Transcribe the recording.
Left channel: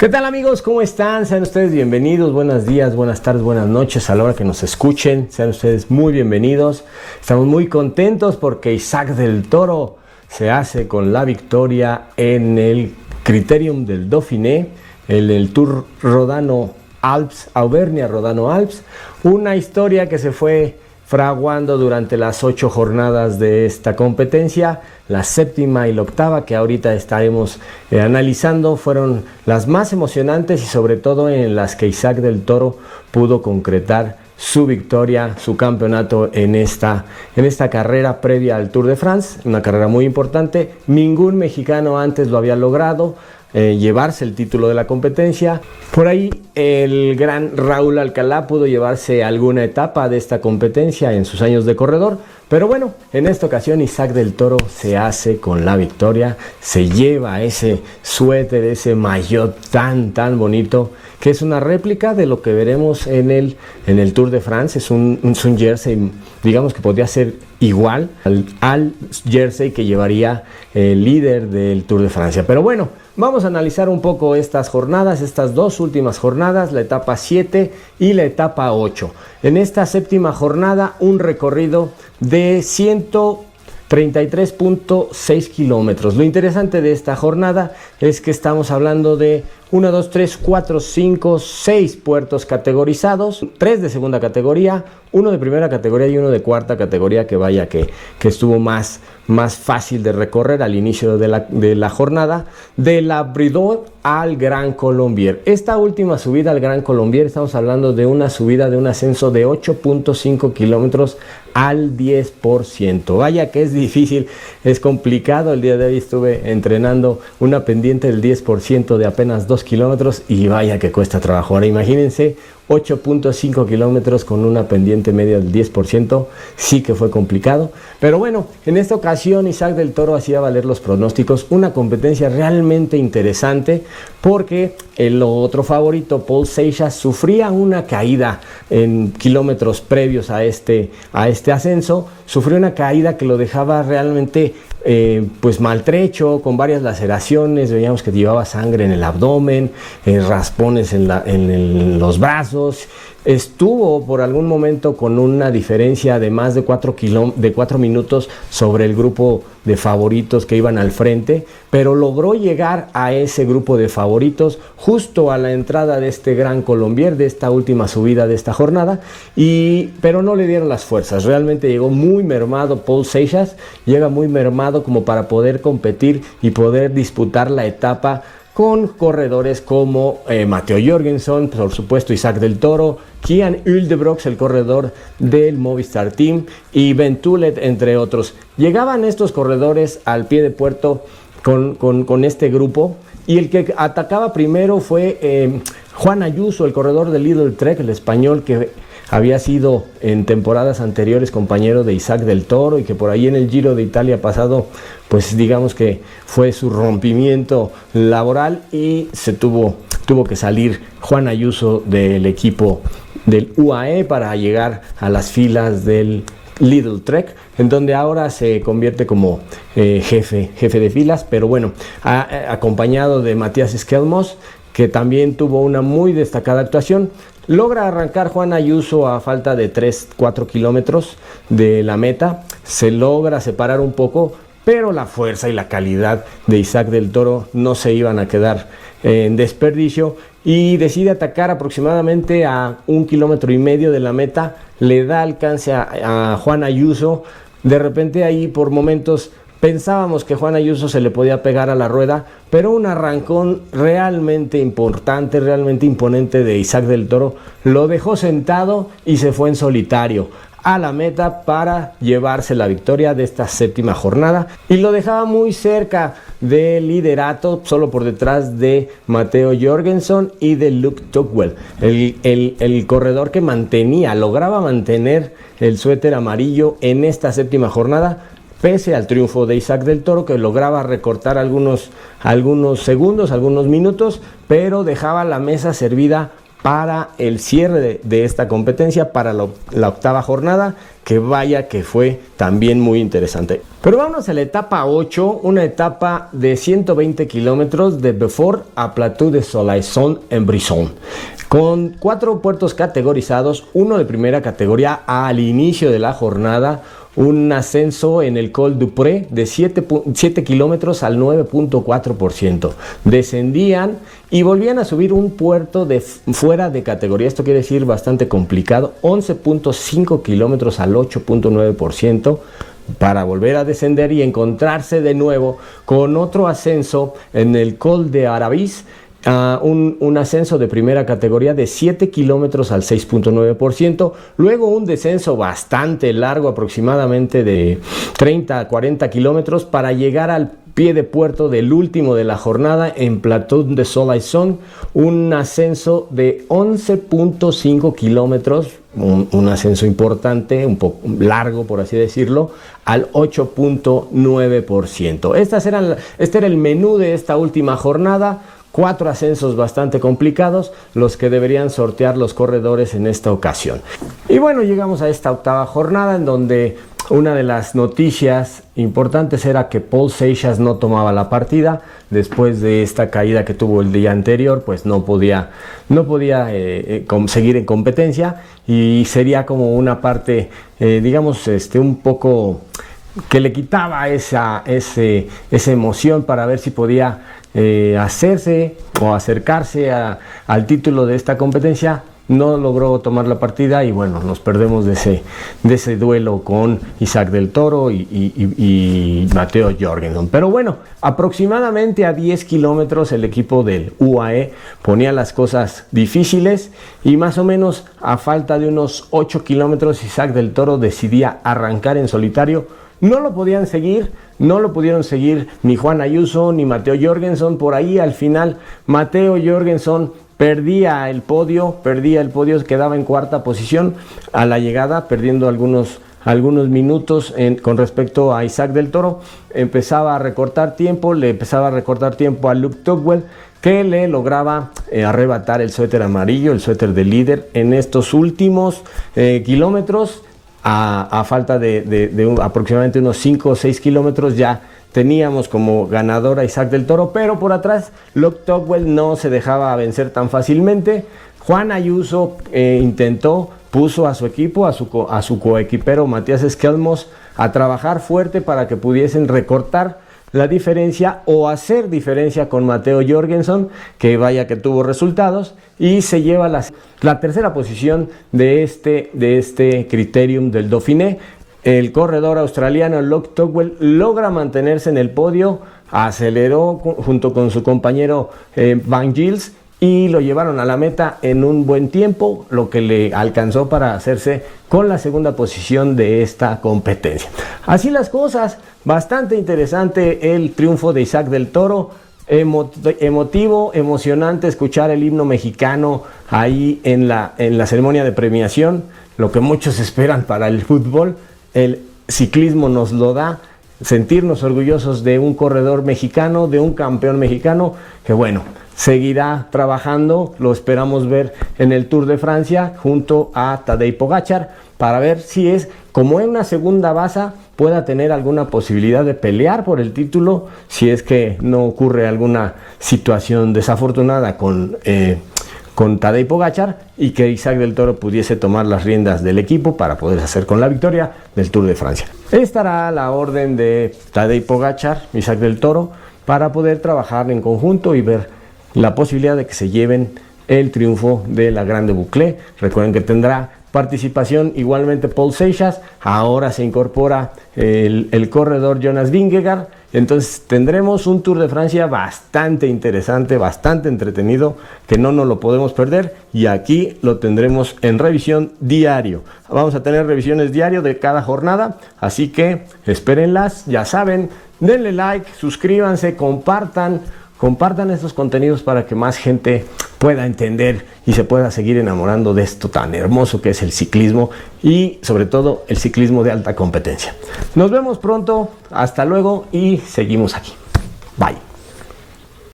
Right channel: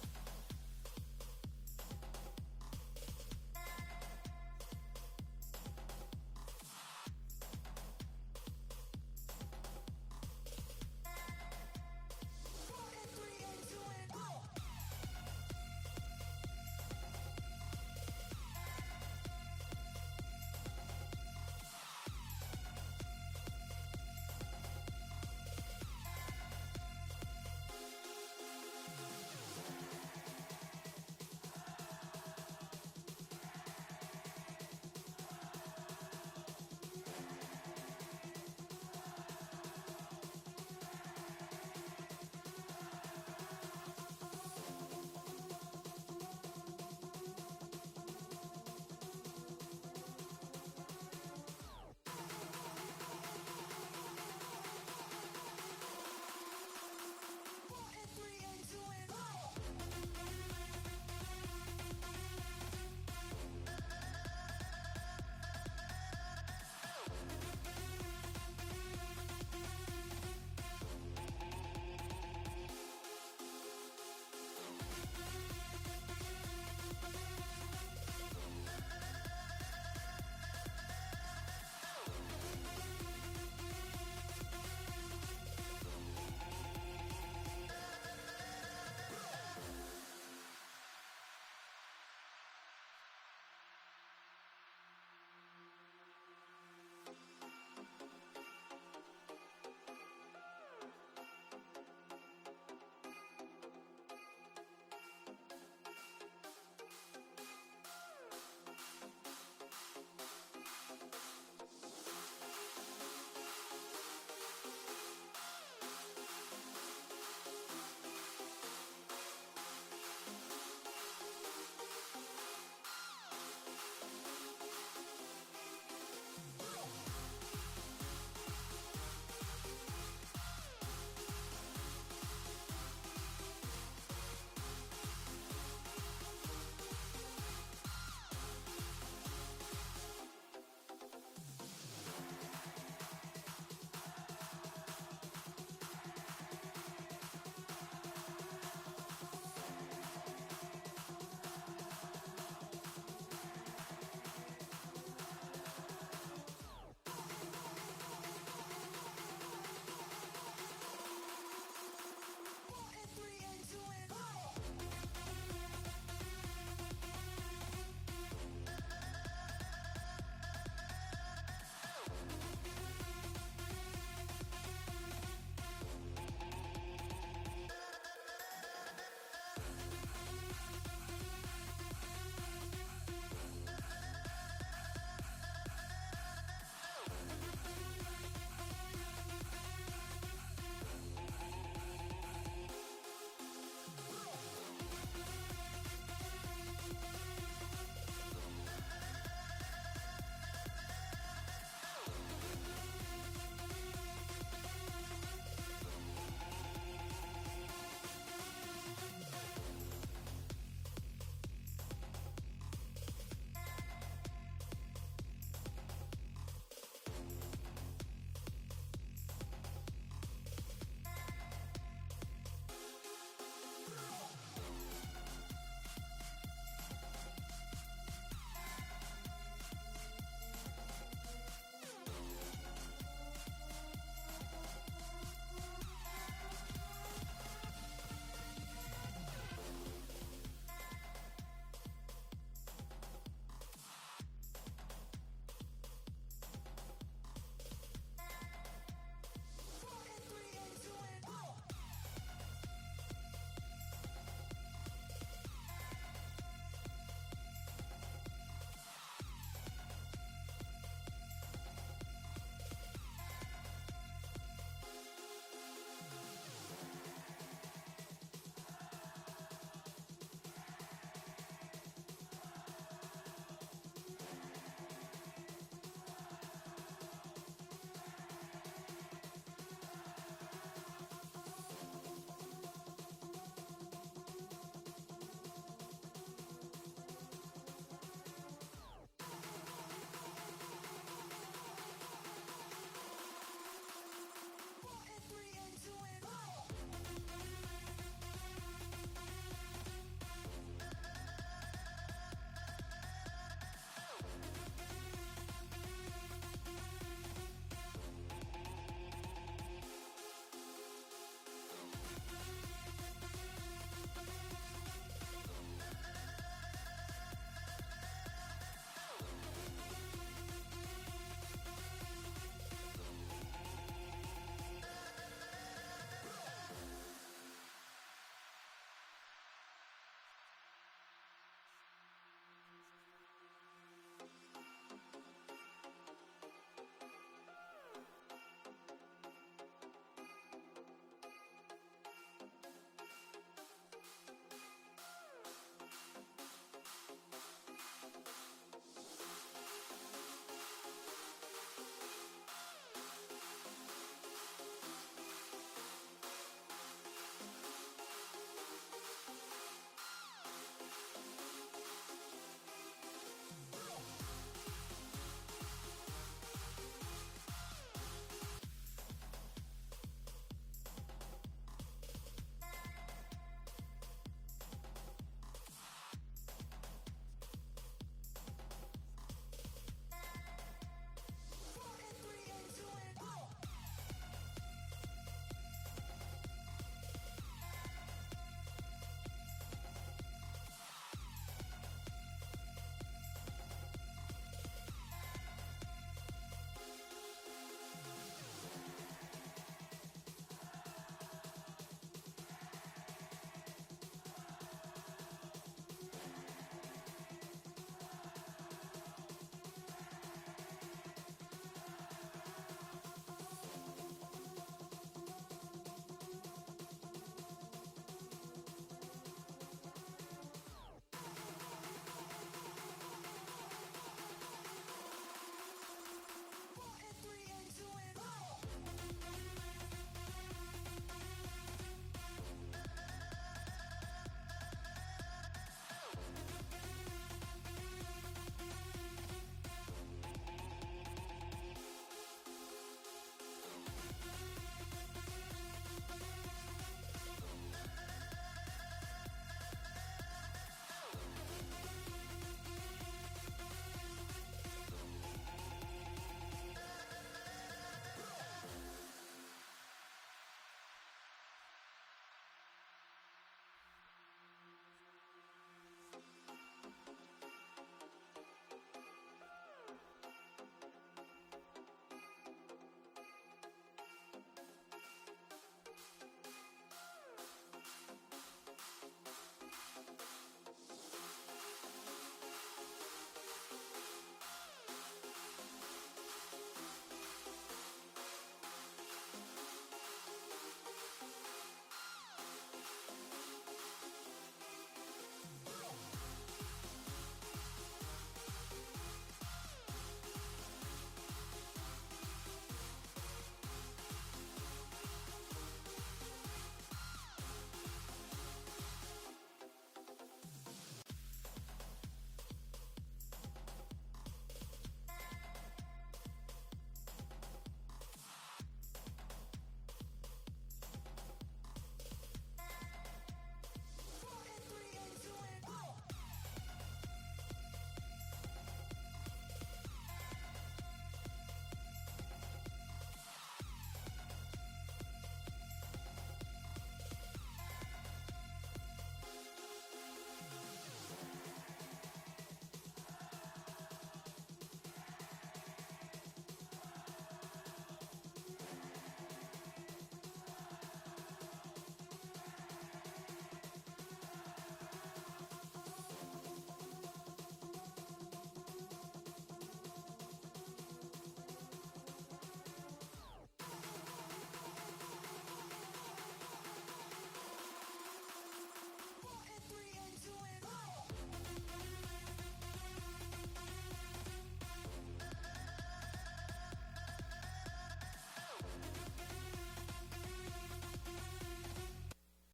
¿Qué tal, amigos? ¿Cómo están? Sean ustedes bienvenidos. Buenos días, buenas tardes, buenas noches a la hora que nos escuchen. Sean ustedes muy bienvenidos. Estamos muy contentos porque Isaac del Toro se hace con la victoria en el Criterium del Dauphiné, en el Tour Rodano Alps, Auvernia Rodano Alps. Una historia que se fue fraguando durante las 8 jornadas de esta competencia. La séptima y la octava, que ahorita estaremos analizando, fueron las más emocionantes y sobre todo en las que Isaac del Toro pudo concretar su victoria, su campeonato en esta carrera previa al Tour de France, una carrera muy importante. Ningún mexicano antes lo había logrado, llevarse el título de la competencia. Por ahí el gran Raúl Alcalá pudo llevarse alguna etapa de esta competencia en sus años de corredor, pero bueno, en esta ocasión Isaac del Toro se hace con la victoria, se lleva ese suéter, ese maillot tan bonito, que es una réplica de lo que veremos en el Tour de France. Es un jersey, digamos que podría ser igual al jersey que llevaría el líder del Tour de Francia. Pero bueno, vamos a analizar un poco estas jornadas, estas dos últimas jornadas, la etapa 7 y la etapa 8. En esta séptima jornada, un recorrido de 133.6 kilómetros. Lo interesante de esta jornada es que estamos hablando de 1, 2, 3, 4, 5, 6 puertos categorizados, 3 de segunda categoría, 1 de primera categoría y 1 de cuarta categoría, que vaya que estuvo más fácil de recorrer al inicio de la jornada, de la Bridot al Gran Colombier. Esta última subida al Gran Colombier, estamos hablando de una subida de un ascenso de 8.5 kilómetros al 10%. Vaya que es difícil, es complicado. El día de hoy estuve entrenando una pendiente del 10% de apenas 2 kilómetros y vaya que cuesta trabajo. Ahora imagínense 8.5 kilómetros con una pendiente media del 10%, sí que fue complicado. Pero bueno, en esta ocasión Isaac del Toro hacía valer los pronósticos, una competencia realmente interesante, porque el otro favorito, Paul Seixas, sufría una caída en kilómetros previos a este ascenso, sufrió una caída que lo dejaba realmente pues maltrecho, con varias laceraciones. Veíamos que llevaba sangre en el abdomen, raspones en los brazos. Estuvo por algún momento con una diferencia de más de 4 minutos sobre el grupo de favoritos que iban al frente, pero logró llegar a ese grupo de favoritos justo a la entrada de este Gran Colombier, de esta última subida de esta jornada, pero no le dieron las fuerzas. Realmente llegó muy mermado Paul Seixas, llega muy mermado como para poder competir y poder disputar la etapa con corredores como Matteo Jorgenson, por supuesto Isaac del Toro, Kian Uldebrox, el corredor del Movistar Team, y Ben Tulet, entre otros. Llegaban estos corredores al pie de puerto con este grupo, y el que atacaba primero fue Juan Ayuso, el corredor del Lidl Trek, el español que había sido en temporadas anteriores compañero de Isaac del Toro y que por ahí en el Giro de Italia pasado, pues digamos que fue su rompimiento laboral y se tuvo que salir Juan Ayuso del equipo del UAE para llegar a las filas del Lidl Trek, en donde ahora se convierte como jefe de filas, pero bueno, acompañado de Matías Skelmos, que también tuvo una muy destacada actuación. Logra arrancar Juan Ayuso a falta de 3-4 kilómetros de la meta, se logra separar un poco, pero la fuerza y la calidad de Isaac del Toro no se iban a quedar en desperdicio, y decide atacar aproximadamente a 1,5 kilómetros de la meta, le da alcance a Juan Ayuso. De repente ahí por momentos pensábamos que Juan Ayuso se le podía pegar a la rueda, pero un arrancón realmente importante, realmente imponente de Isaac del Toro lo dejó sentado y se fue en solitario a la meta para llevarse la victoria de esta séptima jornada, y lo dejaba muy cerca del liderato, solo por detrás de Matteo Jorgenson y de Luke Tugwell, el corredor que lograba mantener el suéter amarillo en esta séptima jornada, pese al triunfo de Isaac del Toro, que lograba recortar algunos segundos, algunos minutos, pero dejaba la mesa servida para el cierre de esta competencia, para la octava jornada, que vaya que fue también muy interesante. Pero vamos a la etapa 8, una etapa de 120 kilómetros de Beaufort a Plateau de Soleilson en Brisson, con 4 puertos categorizados, uno de primera categoría al inicio de la jornada, un ascenso en el Col du Pré de 7 kilómetros al 9.4%. Descendían y volvían a subir un puerto de fuera de categoría, esto quiere decir bastante complicado, 11.5 kilómetros al 8.9%, para volver a descender y encontrarse de nuevo con otro ascenso en el Col de Arabis, un ascenso de primera categoría de 7 kilómetros al 6.9%, luego un descenso bastante largo, aproximadamente de 30 a 40 kilómetros, para llegar al pie de puerto del último de la jornada en Plateau de Soleilson, un ascenso de 11.5 kilómetros, un ascenso importante, un poco largo por así decirlo, al 8.9%. Este era el menú de esta última jornada. 4 ascensos bastante complicados, los que deberían sortear los corredores en esta ocasión. Y bueno, llegamos a esta octava jornada, en donde una de las noticias importantes era que Paul Seixas no tomaba la partida. Después de esta caída que tuvo el día anterior, pues no podía seguir en competencia, y sería como una parte, digamos, un poco que le quitaba esa emoción para ver si podía hacerse o acercarse al título de esta competencia. No logró tomar la partida y bueno, nos perdemos de ese duelo con Isaac del Toro y Matteo Jorgenson. Pero bueno, aproximadamente a 10 kilómetros el equipo del UAE ponía las cosas difíciles, y más o menos a falta de unos 8 kilómetros Isaac del Toro decidía arrancar en solitario. No lo pudieron seguir ni Juan Ayuso ni Matteo Jorgenson. Por ahí al final Matteo Jorgenson perdía el podio, quedaba en cuarta posición a la llegada, perdiendo algunos minutos con respecto a Isaac del Toro. Empezaba a recortar tiempo, a Luke Tugwell, que le lograba arrebatar el suéter amarillo, el suéter de líder en estos últimos kilómetros. A falta de aproximadamente unos 5 o 6 kilómetros ya teníamos como ganador a Isaac del Toro, pero por atrás Luke Tugwell no se dejaba vencer tan fácilmente. Juan Ayuso puso a su equipo, a su coequipero Matías Esquelmos, a trabajar fuerte para que pudiesen recortar la diferencia o hacer diferencia con Matteo Jorgenson, que vaya que tuvo resultados, y se lleva la tercera posición de este Criterium del Dauphiné. El corredor australiano Luke Tugwell logra mantenerse en el podio, aceleró junto con su compañero Van Gils, y lo llevaron a la meta en un buen tiempo, lo que le alcanzó para hacerse con la segunda posición de esta competencia. Así las cosas, bastante interesante el triunfo de Isaac del Toro, emotivo, emocionante escuchar el himno mexicano ahí en la ceremonia de premiación, lo que muchos esperan para el fútbol. El ciclismo nos lo da, sentirnos orgullosos de un corredor mexicano, de un campeón mexicano, que bueno, seguirá trabajando. Lo esperamos ver en el Tour de Francia junto a Tadej Pogačar, para ver si es como en una segunda baza pueda tener alguna posibilidad de pelear por el título, si es que no ocurre alguna situación desafortunada con Tadej Pogačar, y que Isaac del Toro pudiese tomar las riendas del equipo para poder hacer con la victoria del Tour de Francia. Estará la orden de Tadej Pogačar, Isaac del Toro, para poder trabajar en conjunto y ver la posibilidad de que se lleven el triunfo de la Grande Boucle. Recuerden que tendrá participación igualmente Paul Seixas, ahora se incorpora el corredor Jonas Vingegaard. Entonces tendremos un Tour de Francia bastante interesante, bastante entretenido, que no nos lo podemos perder, y aquí lo tendremos en revisión diario. Vamos a tener revisiones diario de cada jornada, así que espérenlas. Ya saben, denle like, suscríbanse, compartan estos contenidos para que más gente pueda entender y se pueda seguir enamorando de esto tan hermoso que es el ciclismo, y sobre todo el ciclismo de alta competencia. Nos vemos pronto, hasta luego, y seguimos aquí. Bye.